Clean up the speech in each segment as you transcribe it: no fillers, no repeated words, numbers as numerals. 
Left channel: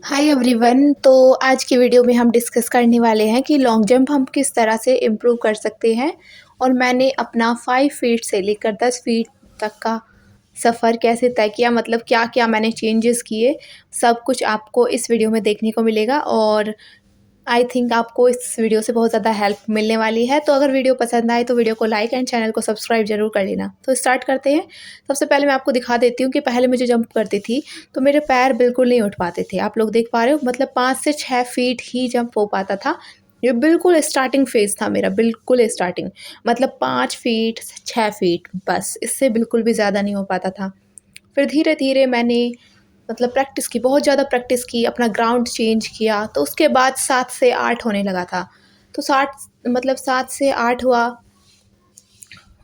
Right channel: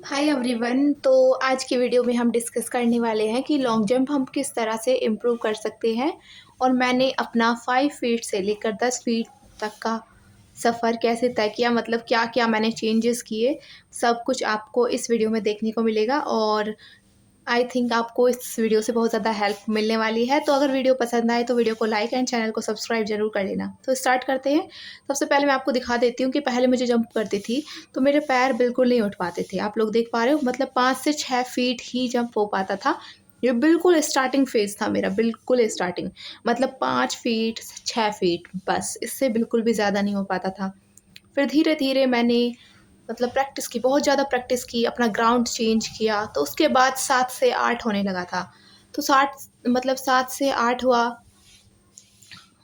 Hi everyone. तो आज की वीडियो में हम डिस्कस करने वाले हैं कि लॉन्ग जंप हम किस तरह से इम्प्रूव कर सकते हैं। और मैंने अपना 5 फीट से लेकर 10 फीट तक का सफ़र कैसे तय किया, मतलब क्या क्या मैंने चेंजेस किए, सब कुछ आपको इस वीडियो में देखने को मिलेगा। और आई थिंक आपको इस वीडियो से बहुत ज़्यादा हेल्प मिलने वाली है। तो अगर वीडियो पसंद आए तो वीडियो को लाइक एंड चैनल को सब्सक्राइब ज़रूर कर लेना। तो स्टार्ट करते हैं। सबसे पहले मैं आपको दिखा देती हूँ कि पहले मुझे जंप करती थी तो मेरे पैर बिल्कुल नहीं उठ पाते थे। आप लोग देख पा रहे हो, मतलब 5 से 6 फीट ही जंप हो पाता था। ये बिल्कुल स्टार्टिंग फेज़ था मेरा, बिल्कुल स्टार्टिंग, मतलब 5 फीट, 6 फीट, बस इससे बिल्कुल भी ज़्यादा नहीं हो पाता था। फिर धीरे-धीरे मैंने मतलब प्रैक्टिस की, बहुत ज़्यादा प्रैक्टिस की, अपना ग्राउंड चेंज किया, तो उसके बाद 7 से 8 होने लगा था। तो 7 से 8 हुआ,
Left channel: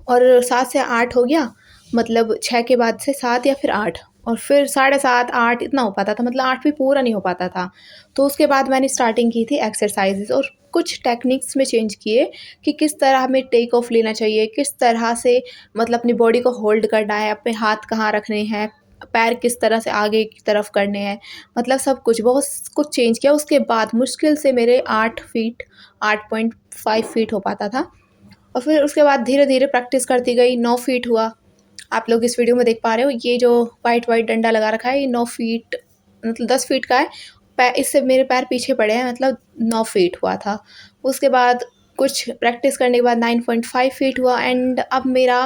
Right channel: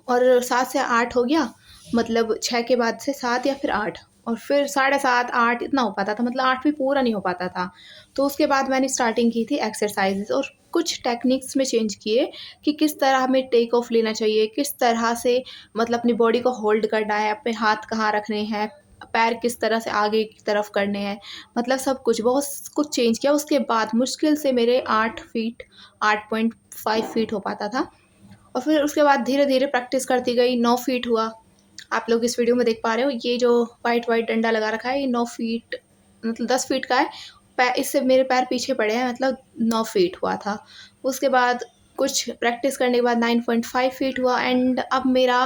और 7 से 8 हो गया, मतलब 6 के बाद से 7 या फिर 8, और फिर साढ़े 7, 8 इतना हो पाता था, मतलब 8 भी पूरा नहीं हो पाता था। तो उसके बाद मैंने स्टार्टिंग की थी एक्सरसाइज़ेज़, और कुछ टेक्निक्स में चेंज किए कि किस तरह हमें टेक ऑफ लेना चाहिए, किस तरह से मतलब अपनी बॉडी को होल्ड करना है, अपने हाथ कहाँ रखने हैं, पैर किस तरह से आगे की तरफ करने हैं, मतलब सब कुछ, बहुत कुछ चेंज किया। उसके बाद मुश्किल से मेरे 8 फीट, 8.5 फीट हो पाता था। और फिर उसके बाद धीरे-धीरे प्रैक्टिस करती गई, 9 फीट हुआ। आप लोग इस वीडियो में देख पा रहे हो, ये जो व्हाइट-व्हाइट डंडा लगा रखा है, ये 9 फीट, मतलब 10 फीट का है। पै इससे मेरे पैर पीछे पड़े हैं, मतलब 9 फीट हुआ था। उसके बाद कुछ प्रैक्टिस करने के बाद 9.5 फीट हुआ, एंड अब मेरा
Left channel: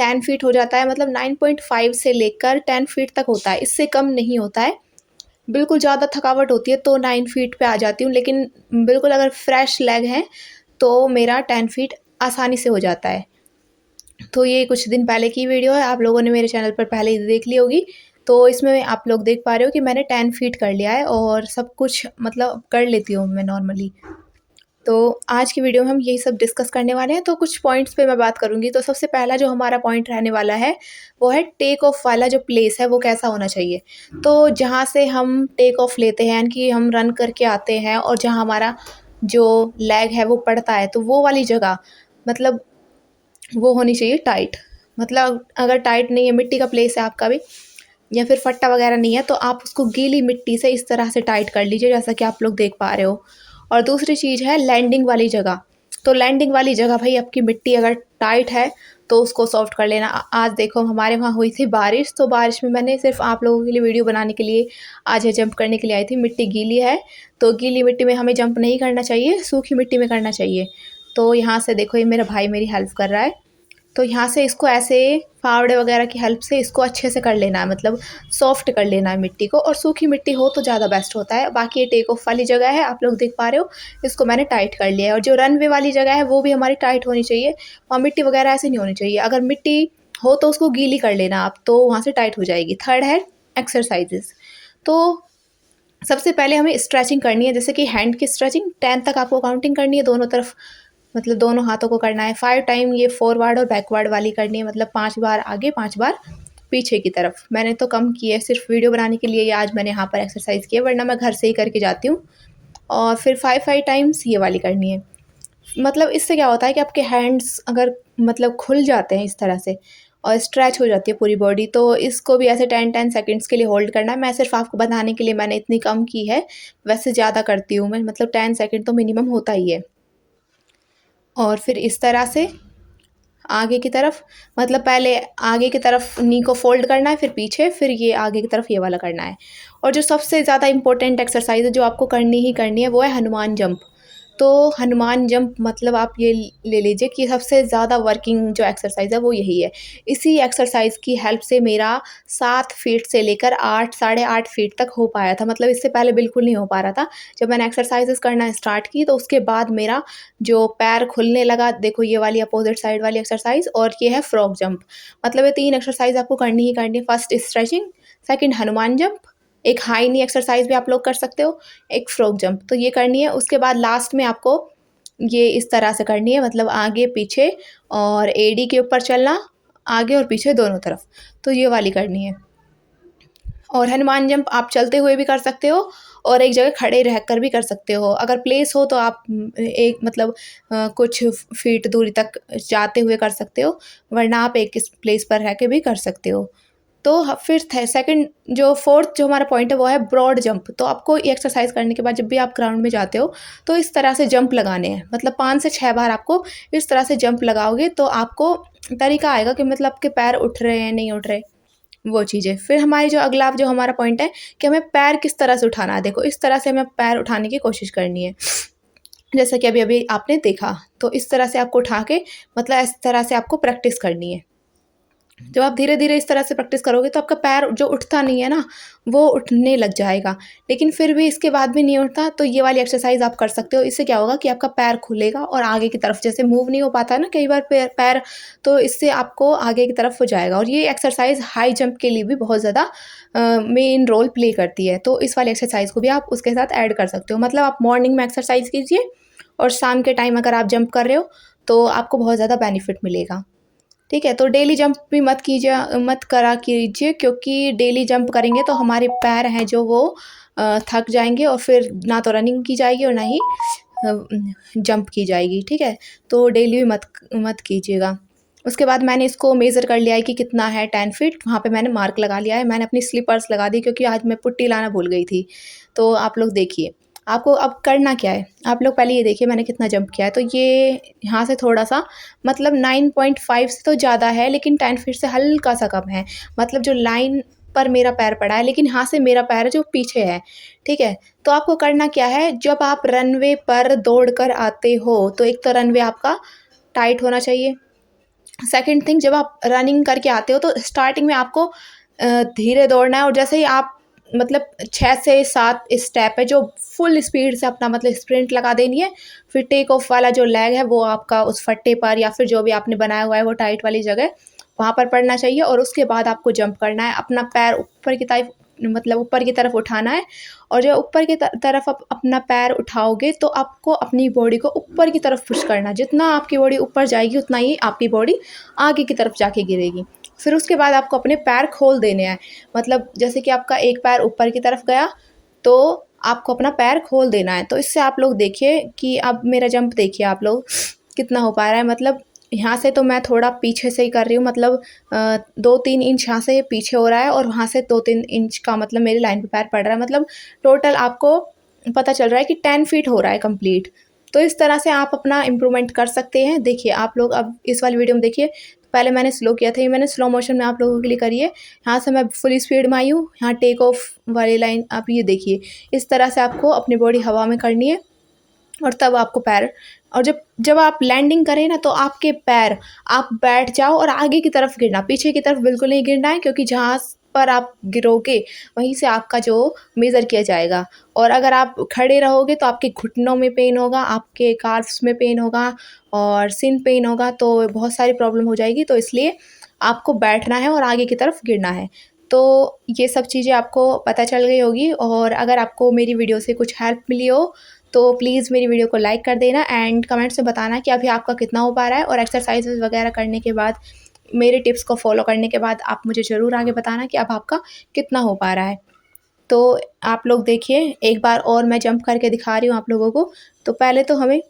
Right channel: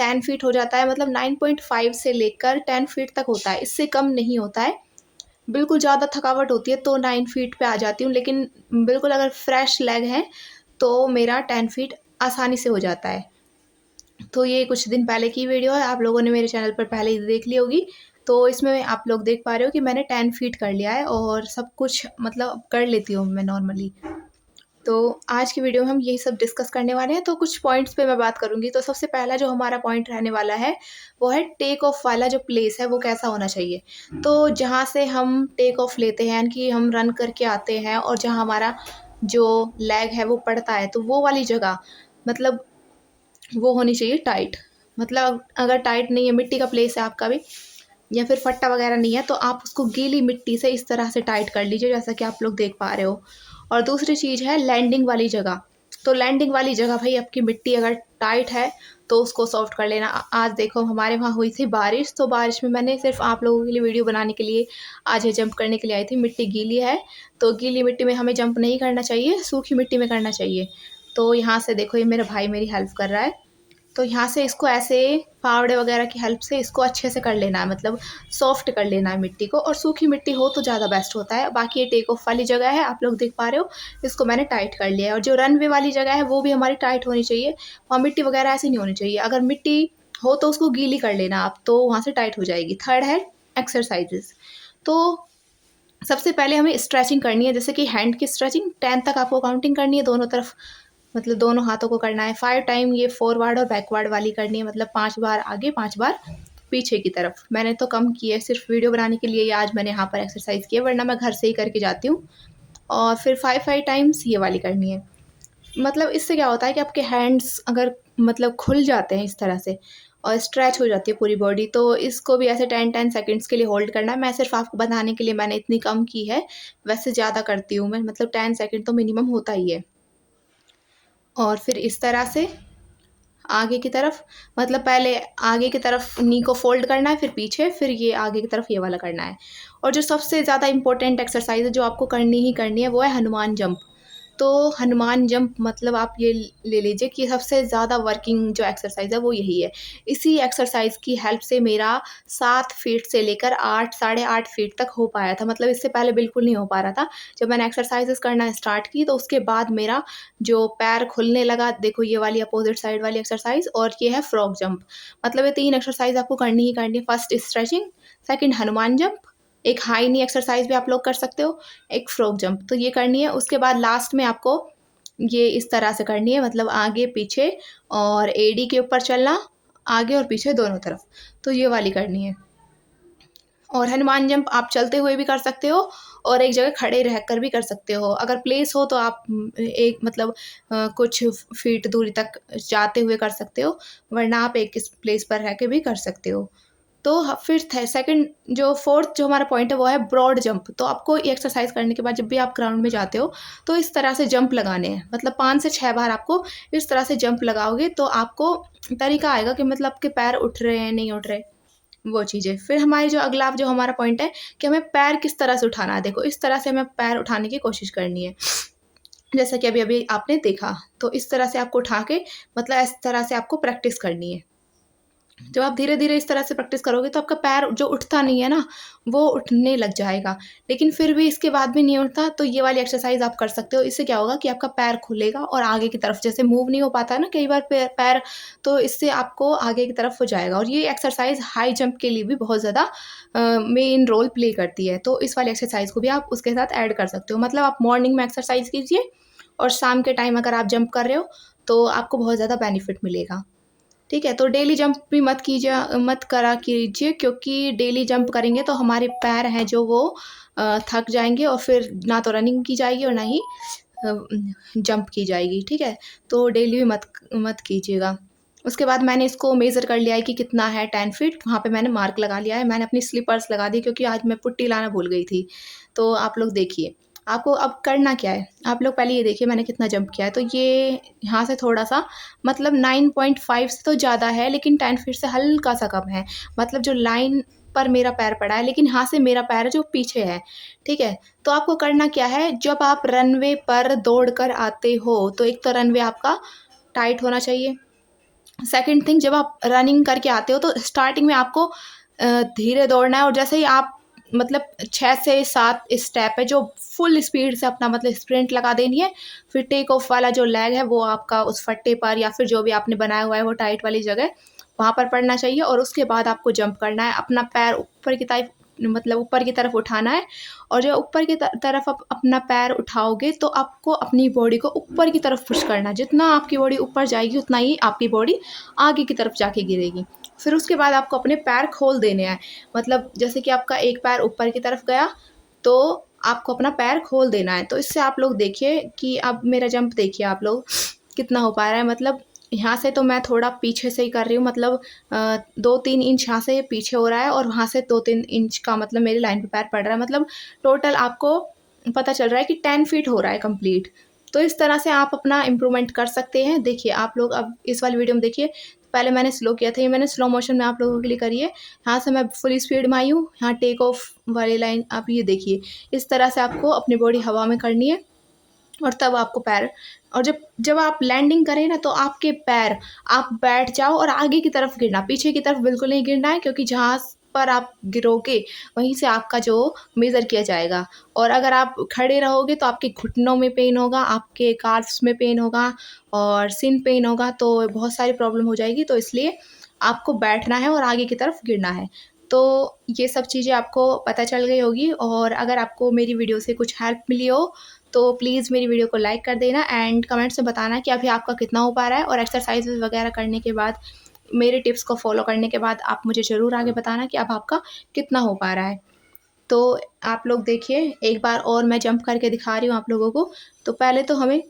10 फीट हो जाता है, मतलब 9.5 से लेकर 10 फीट तक होता है, इससे कम नहीं होता है। बिल्कुल ज़्यादा थकावट होती है तो 9 फीट पे आ जाती हूँ, लेकिन बिल्कुल अगर फ्रेश लेग हैं, तो मेरा 10 फीट आसानी से हो जाता है। तो ये कुछ दिन पहले की वीडियो है, आप लोगों ने मेरे चैनल पर पहले ही देख ली होगी। तो इसमें आप लोग देख पा रहे हो कि मैंने 10 फीट कर लिया है, और सब कुछ मतलब कर लेती हूँ मैं नॉर्मली। तो आज की वीडियो में हम यही सब डिस्कस करने वाले हैं, तो कुछ पॉइंट्स पे मैं बात करूँगी। तो सबसे पहला जो हमारा पॉइंट रहने वाला है, वो है टेक ऑफ वाला जो प्लेस है, वो कैसा होना चाहिए। तो जहाँ से हम टेक ऑफ लेते हैं, यानी कि हम रन करके आते हैं, और जहाँ हमारा जो लेग है वो पड़ता है, तो वो वाली जगह, मतलब वो होनी चाहिए टाइट। मतलब अगर टाइट नहीं है, मिट्टी का प्लेस है आपका भी, या फिर फट्टा वगैरह नहीं है, तो आप उसको गीली मिट्टी से इस तरह से टाइट कर लीजिए, जैसा कि आप लोग देख पा रहे हो। और दूसरी चीज़ है लैंडिंग वाली जगह। तो लैंडिंग वाली जगह भाई, आपकी मिट्टी अगर टाइट है तो उसको सॉफ्ट कर लेना। आज देखो हमारे वहाँ हुई थी बारिश, तो बारिश में मैंने सिर्फ आप लोगों के लिए वीडियो बनाने के लिए आज है जंप करने के लिए आई थी। मिट्टी गीली है, तो गीली मिट्टी में हमें जंप नहीं करना चाहिए, सूखी मिट्टी में करना चाहिए। तो यहाँ से देखो, ये मेरा भाई मेरी हेल्प कर रहा है। तो यहाँ से इसको ऐसे फावड़े वगैरह की हेल्प से इसको अच्छे से कर लेना है, मतलब सॉफ्ट कर लेना है मिट्टी को, और सूखी मिट्टी हो तो ज़्यादा बेस्ट होता है। बाकी ये टेक ऑफ वाली जगह है, आप लोग देख पा रहे हो, इसको मैंने टाइट कर लिया है। और जो रनवे वाली जगह है वो भी हमारी टाइट होनी चाहिए, वहाँ मिट्टी वगैरह ऐसे नहीं होनी चाहिए। अगर मिट्टी हो तो उसको गीली कर लेना आप, तो वहाँ से टाइट हो जाएगी। थर्ड है एक्सरसाइजेस। तो सबसे पहले हमें स्ट्रेचिंग करनी है, जैसे कि हैंड की स्ट्रेचिंग 10 तक आपको काउंटिंग करनी है दोनों तरफ, मतलब दोनों हाथों को करना है 5 टाइम। ये फॉरवर्ड और बैकवर्ड वाली करनी है, मतलब 5 बार आगे, 5 बार पीछे की तरफ। मैंने तो कम की है, सिर्फ वीडियो बनाने के लिए ये आज मैंने यहाँ पर एक्सरसाइज की है, वरना मैं घर से ही करके जाती हूँ। और फिर 5 टाइम्स ये वाली करनी है। मतलब इससे क्या होता है कि आपके हैंड्स अगर मतलब खुल जाते हैं इस तरह से, और स्ट्रेच हो जाती है पूरी बॉडी, तो इसको भी ऐसे 10-10 सेकंड्स के लिए होल्ड करना है। मैं सिर्फ आपको बताने के लिए मैंने इतनी कम की है, वैसे ज़्यादा करती हूँ मैं, मतलब 10 सेकंड तो मिनिमम होता ही है। और फिर इस तरह से आगे की तरफ, मतलब पहले आगे की तरफ नी को फ़ोल्ड करना है, फिर पीछे, फिर ये आगे की तरफ ये वाला करना है। और जो सबसे ज़्यादा इम्पोर्टेंट एक्सरसाइज़ है जो आपको करनी ही करनी है, वो है हनुमान जंप। तो हनुमान जंप मतलब आप ये ले लीजिए कि सबसे ज़्यादा वर्किंग जो एक्सरसाइज़ है वो यही है। इसी एक्सरसाइज़ की हेल्प से मेरा 7 फीट से लेकर 8, साढ़े 8 फीट तक हो पाया था। मतलब इससे पहले बिल्कुल नहीं हो पा रहा था। जब मैंने एक्सरसाइज़ेज़ करना स्टार्ट की, तो उसके बाद मेरा जो पैर खुलने लगा, देखो ये वाली अपोजिट साइड वाली एक्सरसाइज, और ये है फ्रॉग जंप। मतलब ये 3 एक्सरसाइज आपको करनी ही करनी है। First stretching, second Hanuman jump, एक हाई नी एक्सरसाइज भी आप लोग कर सकते हो, एक फ्रॉग जंप, तो ये करनी है। उसके बाद लास्ट में आपको ये इस तरह से करनी है, मतलब आगे पीछे, और एडी के ऊपर चलना, आगे और पीछे दोनों तरफ, तो ये वाली करनी है। और हनुमान जंप आप चलते हुए भी कर सकते हो, और एक जगह खड़े रहकर भी कर सकते हो। अगर प्लेस हो तो आप एक मतलब कुछ फीट दूरी तक जाते हुए कर सकते हो, वरना आप एक इस प्लेस पर रह के भी कर सकते हो। तो फिर सेकंड जो फोर्थ जो हमारा पॉइंट है वो है ब्रॉड जंप। तो आपको ये एक्सरसाइज करने के बाद जब भी आप ग्राउंड में जाते हो तो इस तरह से जंप लगाने हैं, मतलब 5 से 6 बार आपको इस तरह से जंप लगाओगे तो आपको तरीका आएगा कि मतलब आपके पैर उठ रहे हैं नहीं उठ रहे, वो चीज़ें। फिर हमारी जो अगला जो हमारा पॉइंट है कि हमें पैर किस तरह से उठाना है। देखो इस तरह से हमें पैर उठाने की कोशिश करनी है, जैसा कि अभी अभी आपने देखा। तो इस तरह से आपको उठा के मतलब इस तरह से आपको प्रैक्टिस करनी है। जब आप धीरे धीरे इस तरह से प्रैक्टिस करोगे तो आपका पैर जो उठता नहीं है ना वो उठने लग जाएगा। लेकिन फिर भी इसके बाद भी नहीं उठता तो ये वाली एक्सरसाइज आप कर सकते हो। इससे क्या होगा कि आपका पैर खुलेगा और आगे की तरफ, जैसे मूव नहीं हो पाता ना कई बार पैर, तो इससे आपको आगे की तरफ हो जाएगा। और ये एक्सरसाइज हाई जंप के लिए भी बहुत ज़्यादा मेन रोल प्ले करती है। तो इस वाली एक्सरसाइज को भी आप उसके साथ ऐड कर सकते हो। मतलब आप मॉर्निंग में एक्सरसाइज कीजिए और शाम के टाइम अगर आप जंप कर रहे हो तो आपको बहुत ज़्यादा बेनिफिट मिलेगा। ठीक है, तो डेली जंप भी मत करा कीजिए, क्योंकि डेली जंप करेंगे तो हमारे पैर हैं जो वो थक जाएंगे और फिर ना तो रनिंग की जाएगी और ना ही जंप की जाएगी। ठीक है, तो डेली भी मत मत कीजिएगा। उसके बाद मैंने इसको मेज़र कर लिया है कि कितना है 10 फीट, वहाँ पे मैंने मार्क लगा लिया है। मैंने अपनी स्लीपर्स लगा दी क्योंकि आज मैं पुट्टी लाना भूल गई थी। तो आप लोग देखिए, आपको अब करना क्या है, आप लोग पहले ये देखिए मैंने कितना जंप किया है। तो ये यहाँ से थोड़ा-सा मतलब 9.5 से तो ज़्यादा है, लेकिन 10 फीट से हल्का-सा कम है। मतलब जो लाइन पर मेरा पैर पड़ा है, लेकिन यहाँ से मेरा पैर है जो पीछे है। ठीक है? तो आपको करना क्या है, जब आप रनवे पर दौड़ कर आते हो, तो एक तो रनवे आपका टाइट होना चाहिए। सेकंड थिंग, जब आप रनिंग करके आते हो तो स्टार्टिंग में आपको धीरे दौड़ना है और जैसे ही आप मतलब 6 से 7 स्टेप है जो फुल स्पीड से अपना मतलब स्प्रिंट लगा देनी है। फिर टेक ऑफ वाला जो लेग है वो आपका उस फट्टे पर या फिर जो भी आपने बनाया हुआ है वो टाइट वाली जगह वहाँ पर पड़ना चाहिए और उसके बाद आपको जंप करना है। अपना पैर ऊपर की तरफ मतलब ऊपर की तरफ उठाना है और जब ऊपर की तरफ आप अपना पैर उठाओगे तो आपको अपनी बॉडी को ऊपर की तरफ पुश करना है। जितना आपकी बॉडी ऊपर जाएगी उतना ही आपकी बॉडी आगे की तरफ जाके गिरेगी। फिर उसके बाद आपको अपने पैर खोल देने हैं। मतलब जैसे कि आपका एक पैर ऊपर की तरफ गया तो आपको अपना पैर खोल देना है। तो इससे आप लोग देखिए कि अब मेरा जंप देखिए आप लोग कितना हो पा रहा है। मतलब यहाँ से तो मैं थोड़ा पीछे से ही कर रही हूँ, मतलब 2-3 इंच यहाँ से पीछे हो रहा है और वहाँ से 2-3 इंच का मतलब मेरी लाइन पे पैर पड़ रहा है। मतलब टोटल आपको पता चल रहा है कि 10 फीट हो रहा है कंप्लीट। तो इस तरह से आप अपना इम्प्रूवमेंट कर सकते हैं। देखिए आप लोग अब इस वाली वीडियो में देखिए, पहले मैंने स्लो किया था, ये मैंने स्लो मोशन में आप लोगों के लिए करी है। यहाँ से मैं फुल स्पीड में आई हूँ, यहाँ टेक ऑफ वाली लाइन आप ये देखिए। इस तरह से आपको अपनी बॉडी हवा में करनी है और तब आपको पैर, और जब जब आप लैंडिंग करें ना तो आपके पैर आप बैठ जाओ और आगे की तरफ गिरना, पीछे की तरफ बिल्कुल नहीं गिरना है, क्योंकि जहाँ पर आप गिरोगे वहीं से आपका जो मेज़र किया जाएगा। और अगर आप खड़े रहोगे तो आपके घुटनों में पेन होगा, आपके काल्फ्स में पेन होगा और सिन पेन होगा, तो बहुत सारी प्रॉब्लम हो जाएगी। तो इसलिए आपको बैठना है और आगे की तरफ गिरना है। तो ये सब चीज़ें आपको पता चल गई होगी और अगर आपको मेरी वीडियो से कुछ हेल्प मिली हो तो प्लीज़ मेरी वीडियो को लाइक कर देना एंड कमेंट्स में बताना कि अभी आपका कितना हो पा रहा है। और एक्सरसाइजेज़ वगैरह करने के बाद, मेरे टिप्स को फॉलो करने के बाद आप मुझे ज़रूर आगे बताना कि अब आपका कितना हो पा रहा है। तो आप लोग देखिए एक बार और मैं जंप करके दिखा रही हूँ आप लोगों को। तो पहले तो हमें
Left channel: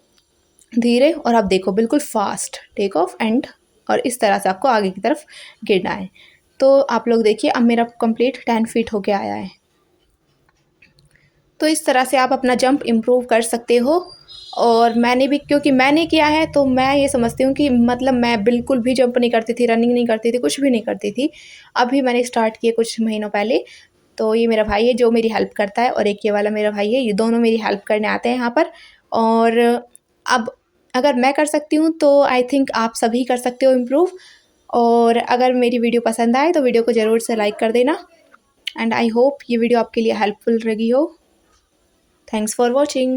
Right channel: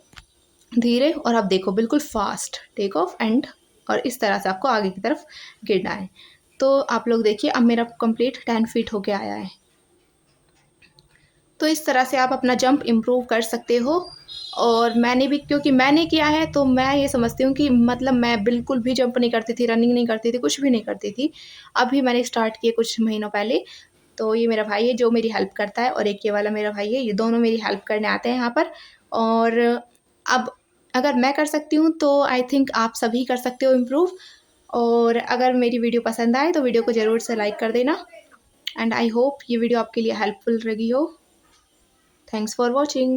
धीरे और आप देखो बिल्कुल फास्ट टेक ऑफ एंड और इस तरह से आपको आगे की तरफ गिरना है। तो आप लोग देखिए अब मेरा कंप्लीट 10 फीट होके आया है। तो इस तरह से आप अपना जंप इम्प्रूव कर सकते हो। और मैंने भी, क्योंकि मैंने किया है तो मैं ये समझती हूँ कि मतलब मैं बिल्कुल भी जंप नहीं करती थी, रनिंग नहीं करती थी, कुछ भी नहीं करती थी। अभी मैंने स्टार्ट किए कुछ महीनों पहले। तो ये मेरा भाई है जो मेरी हेल्प करता है और एक ये वाला मेरा भाई है, ये दोनों मेरी हेल्प करने आते हैं यहाँ पर। और अब अगर मैं कर सकती हूँ तो आई थिंक आप सभी कर सकते हो इम्प्रूव। और अगर मेरी वीडियो पसंद आए तो वीडियो को ज़रूर से लाइक कर देना एंड आई होप ये वीडियो आपके लिए हेल्पफुल रही हो। Thanks for watching.